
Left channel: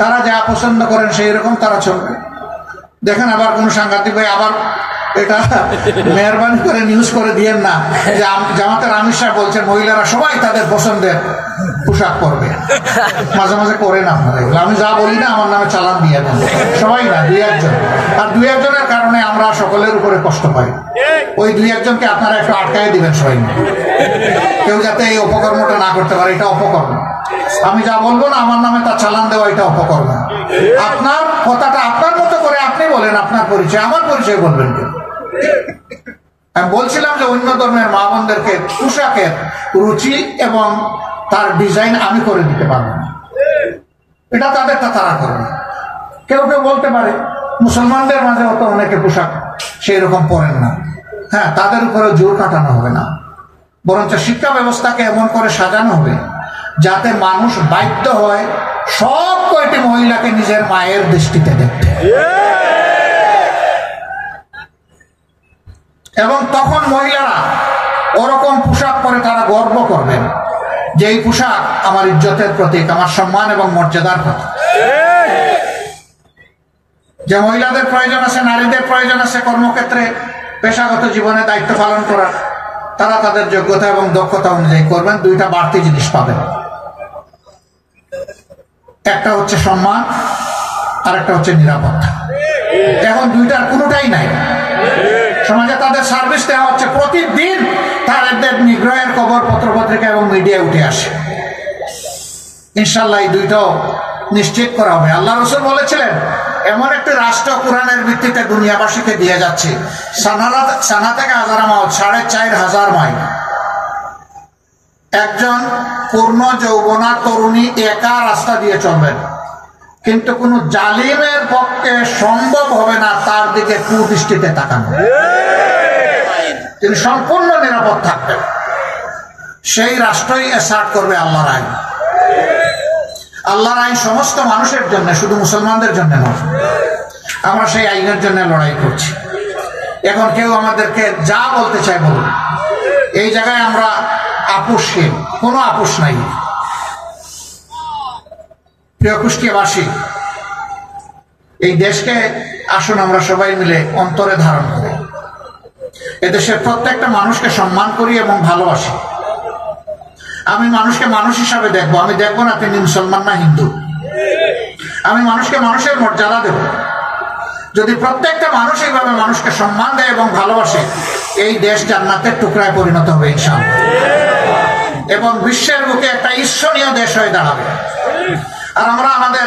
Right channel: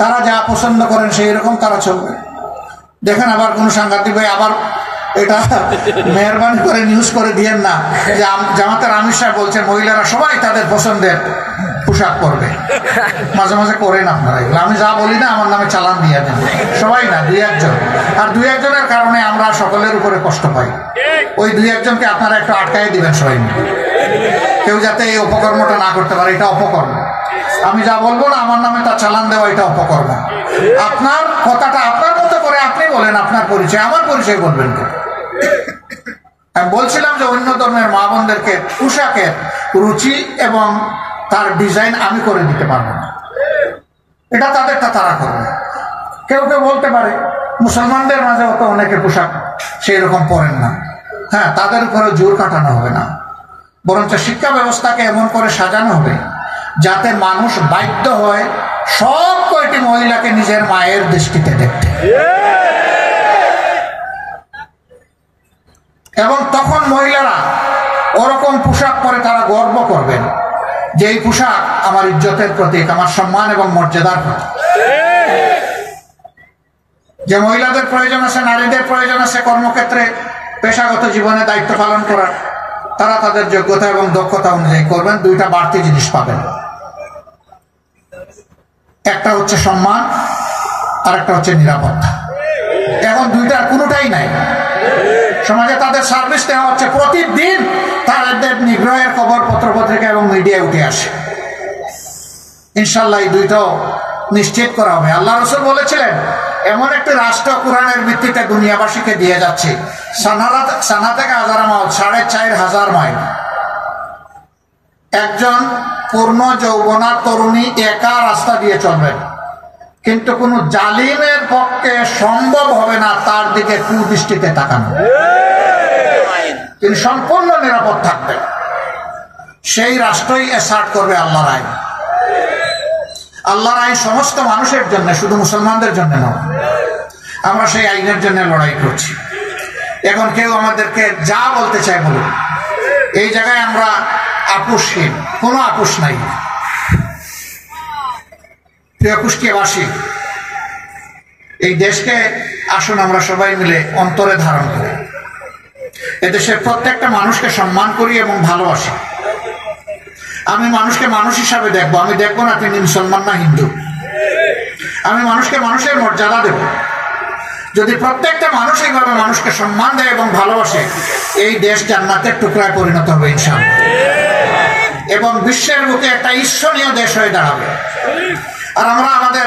তারা যা পছন্দ করেন সেই রকম তারা চলবে। দেখেন আবার কোন সাংবাদিক ভাই আবার এটা মেহরবানি করে নিউজ করে দিয়েন না যে জামাতের আমির সাহেব বলছেন মহিলারা সবাই তাদের পছন্দের পোশাক পরবে, মাঝে মাঝে করেন আপনারা এগুলো। আমি যা বলি না আমার নামে চালান দিয়ে দেন, সবাই না, দুই একজন। আর দুই একজনের কারণে আমরা সকলের উপরে কষ্ট পাই। ওই দুই একজনকে আপনারা একটু আটকায় দিবেন সবাই, কেউ যাতে এই অপকর্মটা না করতে পারে। এটা অপকর্ম। আমি যা বলবো না আমার নামে তা চালান দেওয়া, এটা অপকর্ম। আপনার কথাটা আপনার মতো করে আপনি বলেন, আপনার পরিচয়, আমার পরিচয় বলবেন তো। আমি বলছিলাম যে অন্য ধর্মের মা বোনদেরকে পোশাকের রুচি এবং তার ডিজাইন আমি করে দিতে পারবো না, এটা তাদেরটা তারা করবে। কেউ কেউ বলতে পারে মুসলমানদের মাঝে অত অনেকে পোশাক সেই রকম পরেন না, হ্যাঁ, তাদের উপরে জোর কাটানো হবে না, বরঞ্চ শিক্ষা ব্যবস্থাকে এমন করে সাজানো হবে যাতে মানুষ বাধ্য হয় সব কয়টি মহিলাকে নিজের মায়ের দৃষ্টিতে দেখতে, এবং তখন মহিলারা ওরকম পোশাক পরে তারা গর্ব করবেন যে এই পোশাক আমার ইজ্জতের প্রতীক, আমার সম্মান এবং মর্যাদার প্রতীক। যে মহিলাদের প্রয়োজন আছে, নারীদের প্রয়োজন আছে কর্মক্ষেত্রে পেশাগত জীবনে দায়িত্ব পালন করার, তারা তাদের যোগ্যতা এবং দক্ষতা অনুযায়ী করবেন। দুইটা বাড়তি জিনিস পাবেন, একটা হচ্ছে সম্মান আর একটা হচ্ছে নিরাপত্তা। এখন দুইটার কোনোটাই নাই। সমাজে তাদের সার্ভিস দেওয়া হচ্ছে, প্রতিদিন তাদের নিগ্রহের খবর পত্রপত্রিকা এবং মিডিয়ায় উঠে আসে। ইনশাল্লাহ এই দুইটাও নিশ্চিত করা হবে। আল্লাহ রাসূল বলেছিলেন এমন একটি রাষ্ট্র কোরআনের ভিত্তিতে দুনিয়াবাসীকে দিয়ে যাচ্ছে, সানা থেকে হাজার মাইল, 4500 মাইল। একজন পূর্ণ যৌবনা তরুণী একা রাস্তা দিয়ে চলবেন, কিন্তু কোন জালিমের পক্ষে সম্ভব হবে না তার দিকে কুদৃষ্টিতে তাকানো। তিনি সম্পূর্ণ নিরাপদ থাকবেন। সেই রাষ্ট্রই এসার্ট করবে আল্লাহর আইন। আল্লাহর আইন সমস্ত মানুষের জন্য, শুধু মুসলমানদের জন্য নয়। আমরা সেই আইনের জন্য লড়াই করছি। এখন কেউ আমাদেরকে যা বলতে চাই বলুন, এই জায়গায় আমরা আপোষহীন, কোনো আপোষ নাই। প্রিয় কুষ্টিয়াবাসী, এই দেশকে আসুন আমরা সবাই মিলে অন্তরে ধারণ করি। এদেশের প্রত্যেকটা মানুষকে সম্মান করি এবং ভালোবাসি। আমি মানুষকে মানুষ হিসাবে দেখবো, আমি দেখবো না তিনি মুসলমান না হিন্দু। আমি মানুষকে মানুষের মর্যাদা দেব। যদি প্রত্যেকটা মানুষ এইভাবে মানুষকে সম্মান দেয় এবং ভালোবাসে, এই দেশ জান্নাতের টুকরায় পরিণত হবে ইনশাআল্লাহ, এবং বিশ্বের বুকে একটা ঈর্ষণীয় দেশ হয়ে দাঁড়াবে। আর আমরা আমাদের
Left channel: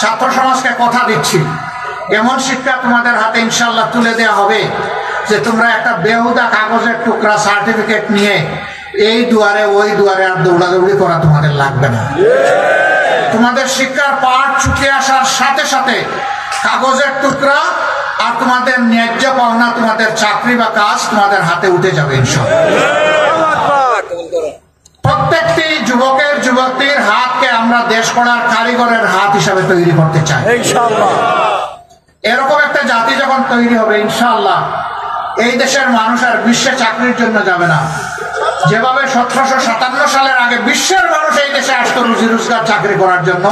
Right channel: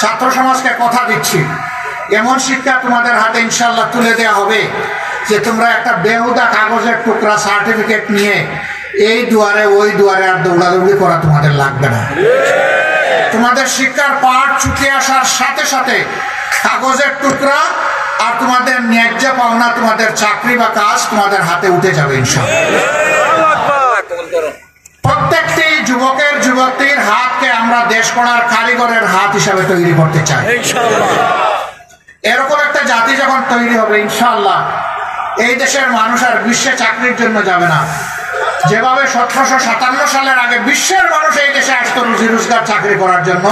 ছাত্র সমাজকে কথা দিচ্ছি, এমন শিক্ষা তোমাদের হাতে ইনশাআল্লাহ তুলে দেওয়া হবে যে তোমরা একটা বেহুদা কাগজের টুকরা সার্টিফিকেট নিয়ে এই দুয়ারে ওই দুয়ারে আর দৌড়াদৌড়ি করা তোমাদের লাগবে না। তোমাদের শিক্ষার পাঠ চুকে আসার সাথে সাথে কাগজের টুকরা আর তোমাদের ন্যায্য পাওনা, তোমাদের চাকরি বা কাজ তোমাদের হাতে উঠে যাবে ইনশাআল্লাহ। প্রত্যেকটি যুবকের যুবতীর হাতকে আমরা দেশ গড়ার কারিগরের হাত হিসাবে তৈরি করতে চাই ইনশাআল্লাহ। এরকম একটা জাতি যখন তৈরি হবে ইনশাআল্লাহ, এই দেশের মানুষ আর বিশ্বে চাকরির জন্য যাবে না। যেভাবে 1757 সালের আগে বিশ্বের মানুষ এই দেশে আসতো রুজি রোজগার চাকরি করার জন্য,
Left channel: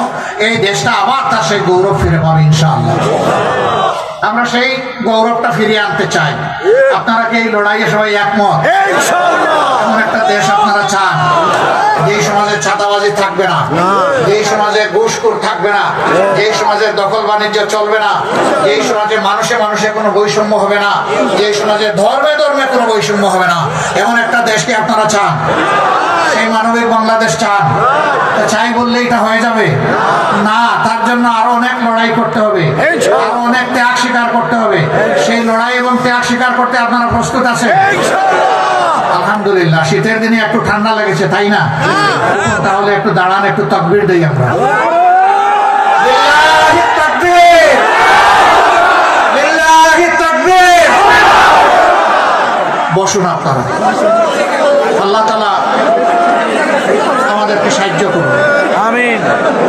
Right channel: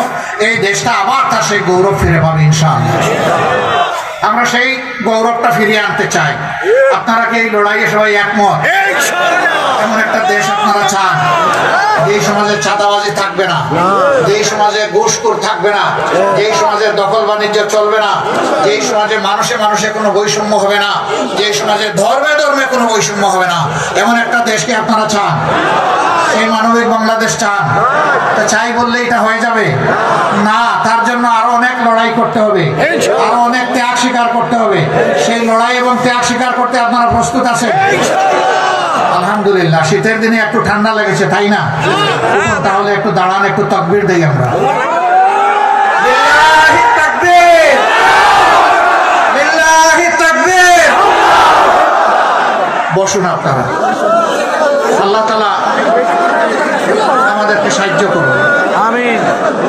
এই দেশটা আবার তার সেই গৌরব ফিরে পাবে ইনশাআল্লাহ। আমরা সেই গৌরবটা ফিরিয়ে আনতে চাই। আপনারা কি এই লড়াইয়ে সবাই একমত? এমন একটা দেশ আপনারা চান যেই সমাজে চাঁদাবাজি থাকবে না, যেই সমাজে ঘুষখোর থাকবে না, যেই সমাজে দখল বাণিজ্য চলবে না, যেই সমাজে মানুষে মানুষে কোনো বৈষম্য হবে না, যেই সমাজে ধর্মে ধর্মে কোনো বৈষম্য হবে না, এমন একটা দেশকে আপনারা চান? সেই মানবিক বাংলাদেশ চান? চাই বললে এটা হয়ে যাবে না। তার জন্য আরো অনেক লড়াই করতে হবে, আরো অনেক ত্যাগ স্বীকার করতে হবে। সেই লড়াই এবং ত্যাগ স্বীকার করতে আপনারা প্রস্তুত আছেন? আলহামদুলিল্লাহ। শীতের দিনে একটু ঠান্ডা লেগেছে, তাই না? তাহলে একটু দাঁড়ান, একটু তাকবীর দেই আমরা। লিল্লাহি তাকবীর, লিল্লাহি তাকবীর। বসুন আপনারা। আল্লাহ তাআলা আমাদেরকে সাহায্য করুন, আমিন।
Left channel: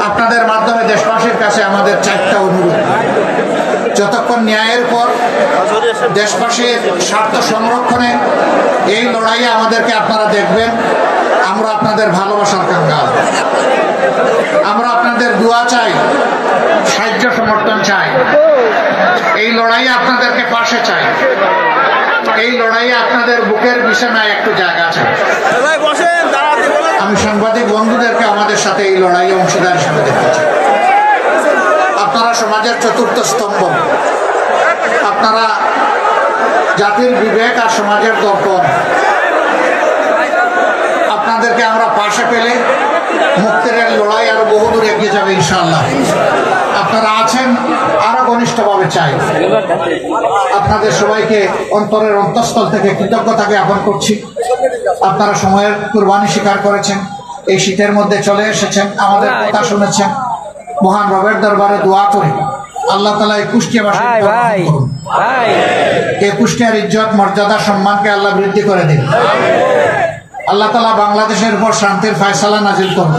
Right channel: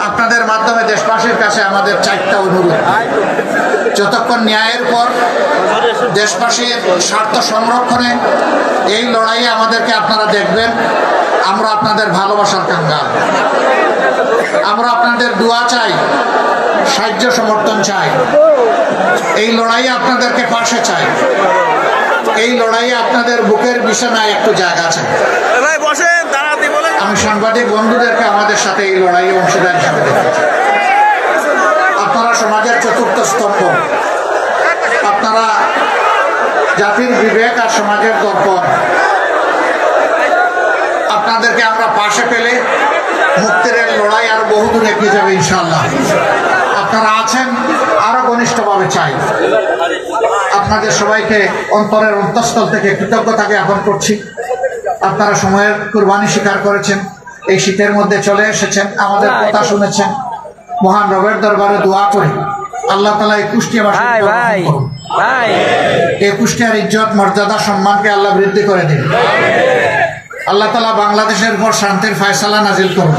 আপনাদের মাধ্যমে দেশবাসীর কাছে আমাদের 4টা অনুরোধ। যতক্ষণ ন্যায়ের পর দেশবাসীর স্বার্থ সংরক্ষণে এই লড়াইয়ে আমাদেরকে আপনারা দেখবেন, আমরা আপনাদের ভালোবাসার কাঙ্গাল। আমরা আপনাদের দোয়া চাই, সাহায্য সমর্থন চাই। এই লড়াইয়ে আপনাদেরকে পাশে চাই। এই লড়াইয়ে আপনাদের বুকের বিছানায় একটু জায়গা চাই। আমি সাংবাদিক বন্ধুদেরকে আমাদের সাথে এই লড়াইয়ে অংশীদার হিসাবে দেখতে চাই। আপনারা সমাজের চতুর্থ স্তম্ভ, আপনারা জাতির বিবেক আর সমাজের দর্পণ। আপনাদেরকে আমরা পাশে পেলে মুক্তির লড়াই আর বহুদূর এগিয়ে যাবে ইনশাআল্লাহ। আপনারা আছেন, আরো ঘনিষ্ঠভাবে চাই। আপনাদের সবাইকে অন্তরের অন্তঃস্থল থেকে কৃতজ্ঞতা জ্ঞাপন করছি। আপনারা সময়ের কুরবানি স্বীকার করেছেন, এই শীতের মধ্যে চলে এসেছেন, আমাদের কথা শুনেছেন। মহান রবের দরবারে দোয়া করে আল্লাহ তাআলা এই কুষ্টিয়ার ইজ্জত মর্যাদা সম্মানকে আল্লাহ বৃদ্ধি করে দিন। আল্লাহ তাআলা বাংলাদেশের উপর শান্তির ফয়সালা নাজিল করুন।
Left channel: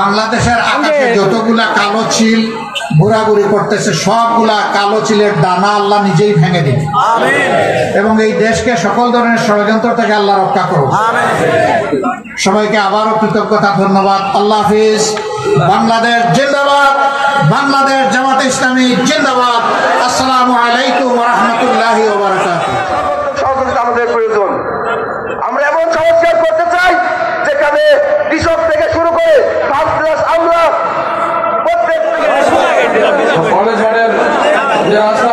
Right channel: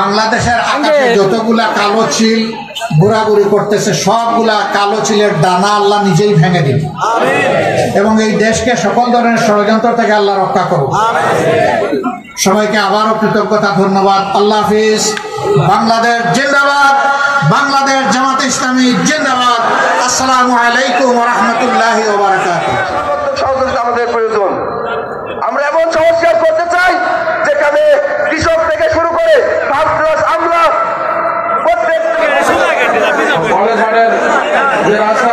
বাংলাদেশের আকাশে যতগুলা কালো চিল ঘোরাঘুরি করতেছে, সবগুলা কালো চিলের দানা আল্লাহ নিজেই ভেঙে দিন এবং এই দেশকে সকল ধরনের ষড়যন্ত্র থেকে আল্লাহ রক্ষা করুন। সবাইকে আবারও কৃতজ্ঞতা, ধন্যবাদ। আল্লাহ হাফিজ। বাংলাদেশ জিন্দাবাদ, বাংলাদেশ জামাতে ইসলামী জিন্দাবাদ। আসসালামু আলাইকুম ওয়া রাহমাতুল্লাহি ওয়া বারাকাতুহু। সহযোগিতা আমাদের প্রয়োজন। আমরা এমন সংস্কার করতে চাই যেখানে কৃষক থেকে শুরু করে আমরা প্রত্যেক কলেজ যে রাস্তা